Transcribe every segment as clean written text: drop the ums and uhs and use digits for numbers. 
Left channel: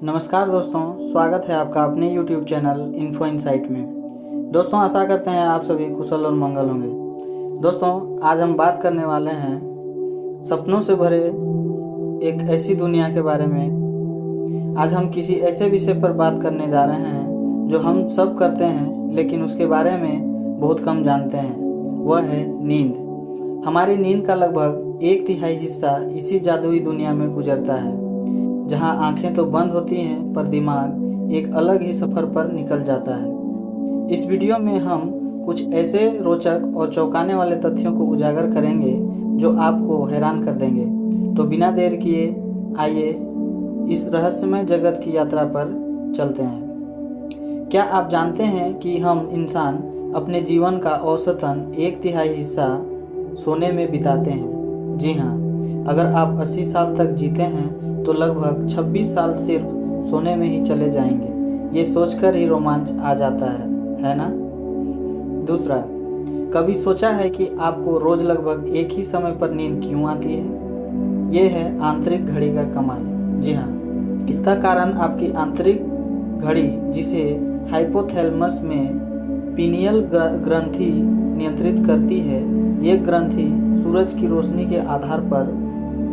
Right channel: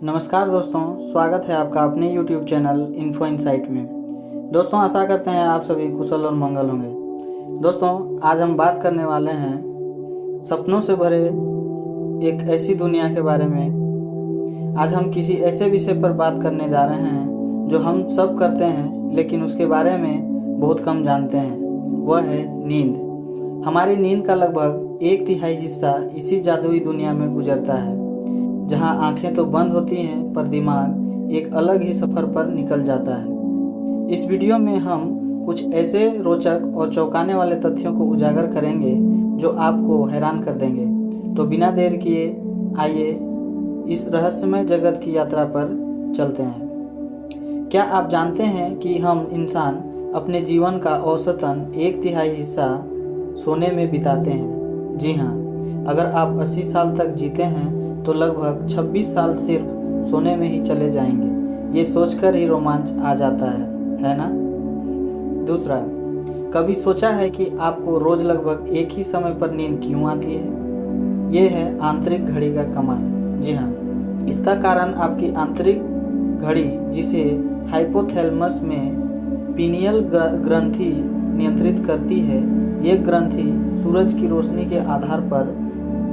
नमस्कार दोस्तों, स्वागत है आपका अपने YouTube चैनल इन्फो इनसाइट में। दोस्तों, आशा करते हैं आप सभी कुशल और मंगल होंगे। दोस्तों, आज हम बात करने वाले हैं सपनों से भरे एक ऐसी दुनिया के बारे में। आज हम किसी ऐसे विषय पर बात करने जा रहे हैं जो हम सब करते हैं लेकिन उसके बारे में बहुत कम जानते हैं। वह है नींद। हमारी नींद का लगभग 1/3 हिस्सा इसी जादुई दुनिया में गुजरता है, जहां आंखें तो बंद होती हैं पर दिमाग एक अलग ही सफ़र पर निकल जाता है। इस वीडियो में हम कुछ ऐसे रोचक और चौंकाने वाले तथ्यों को उजागर करेंगे जो आपको हैरान कर देंगे। तो बिना देर किए आइए इस रहस्यमय जगत की यात्रा पर चलते हैं। क्या आप जानते हैं कि हम इंसान अपने जीवन का औसतन 1/3 हिस्सा सोने में बिताते हैं? जी हाँ, अगर आप 80 साल तक जीते हैं तो लगभग 26 साल सिर्फ सोने में ही चले जाएंगे। ये सोचकर ही रोमांच आ जाता है ना? दूसरा, कभी सोचा है कि आपको रोज लगभग एक ही समय पर नींद क्यों आती है? ये है आंतरिक घड़ी का कमाल। जी हाँ, इसका कारण आपकी आंतरिक घड़ी, जिसे हाइपोथैलेमस में पीनियल ग्रंथि नियंत्रित करती है, ये ग्रंथि सूरज की रोशनी के आधार पर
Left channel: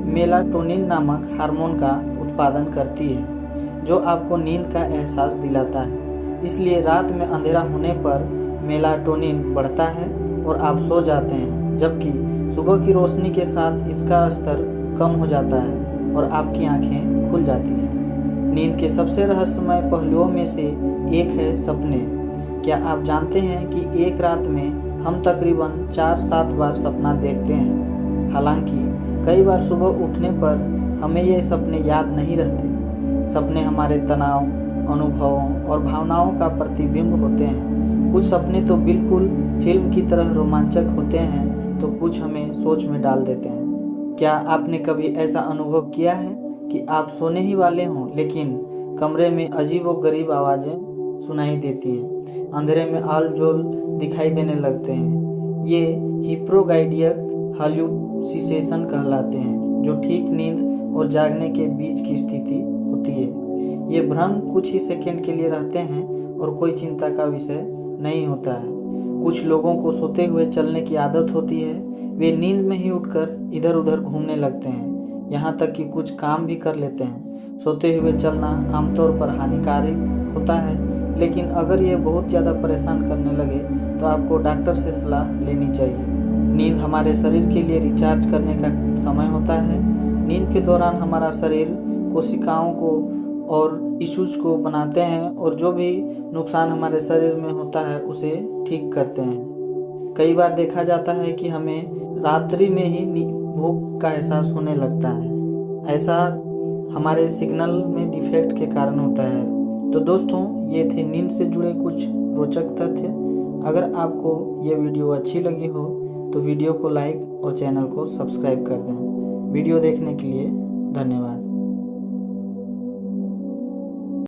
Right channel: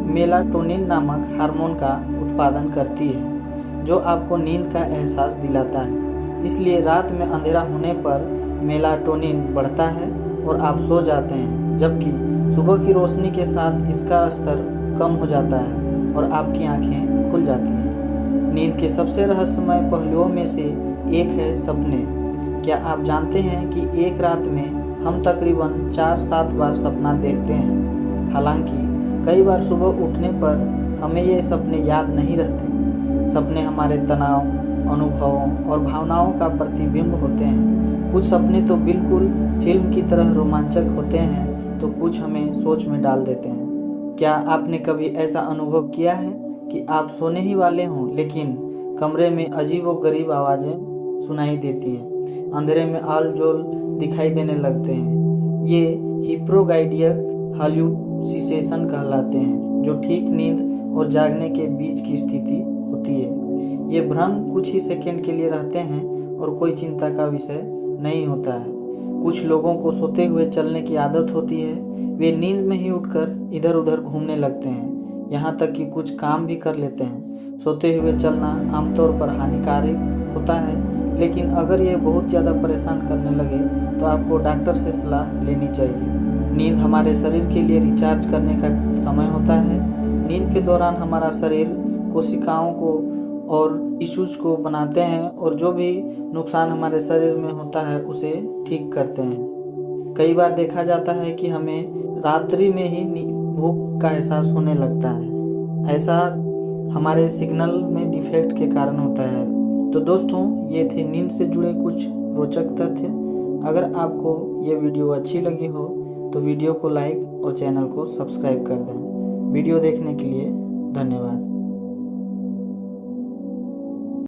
मेलाटोनिन नामक हार्मोन का उत्पादन करती है, जो आपको नींद का एहसास दिलाता है। इसलिए रात में अंधेरा होने पर मेलाटोनिन बढ़ता है और आप सो जाते हैं, जबकि सुबह की रोशनी के साथ इसका स्तर कम हो जाता है और आपकी आंखें खुल जाती हैं। नींद के सबसे रहस्यमय पहलुओं में से एक है सपने। क्या आप जानते हैं कि एक रात में हम तकरीबन 4-7 बार सपना देखते हैं? हालांकि कई बार सुबह उठने पर हमें ये सपने याद नहीं रहते। सपने हमारे तनाव, अनुभवों और भावनाओं का प्रतिबिंब होते हैं। कुछ सपने तो बिल्कुल फिल्म की तरह रोमांचक होते हैं, तो कुछ हमें सोच में डाल देते हैं। क्या आपने कभी ऐसा अनुभव किया है कि आप सोने ही वाले हों लेकिन कमरे में अजीबोगरीब आवाज़ें सुनाई देती हैं, अंधेरे में आल-जोल दिखाई देने लगते हैं? ये हिप्नोगाइडिक हाल्यूसिनेशन कहलाते हैं, जो ठीक नींद और जागने के बीच की स्थिति होती है। ये भ्रम कुछ ही सेकंड के लिए रहते हैं और कोई चिंता का विषय नहीं होता है। कुछ लोगों को सोते हुए चलने की आदत होती है। वे नींद में ही उठकर इधर उधर घूमने लगते हैं, यहाँ तक कि कुछ काम भी कर लेते हैं। सोते हुए चलना आमतौर पर हानिकारक होता है, लेकिन अगर ये बहुत ज़्यादा परेशान करने लगे तो आपको डॉक्टर से सलाह लेनी चाहिए। नींद हमारे शरीर के लिए रिचार्ज करने का समय होता है। नींद के दौरान हमारा शरीर कोशिकाओं को और टिश्यूज को बनाते हैं और जो भी नुकसान हमारे शरीर में होता है उसे ठीक करते हैं। कई बार देखा जाता है कि हमें रात्रि में ही भूख का एहसास होने लगता है। ऐसा हमारे सिग्नल में डिफेक्ट के कारण होता है। तो दोस्तों, ये थे नींद से जुड़े कुछ रोचक तथ्य। अगर आपको ये वीडियो अच्छी लगी हो तो वीडियो को लाइक और चैनल को सब्सक्राइब कर दें। वीडियो देखने के लिए धन्यवाद।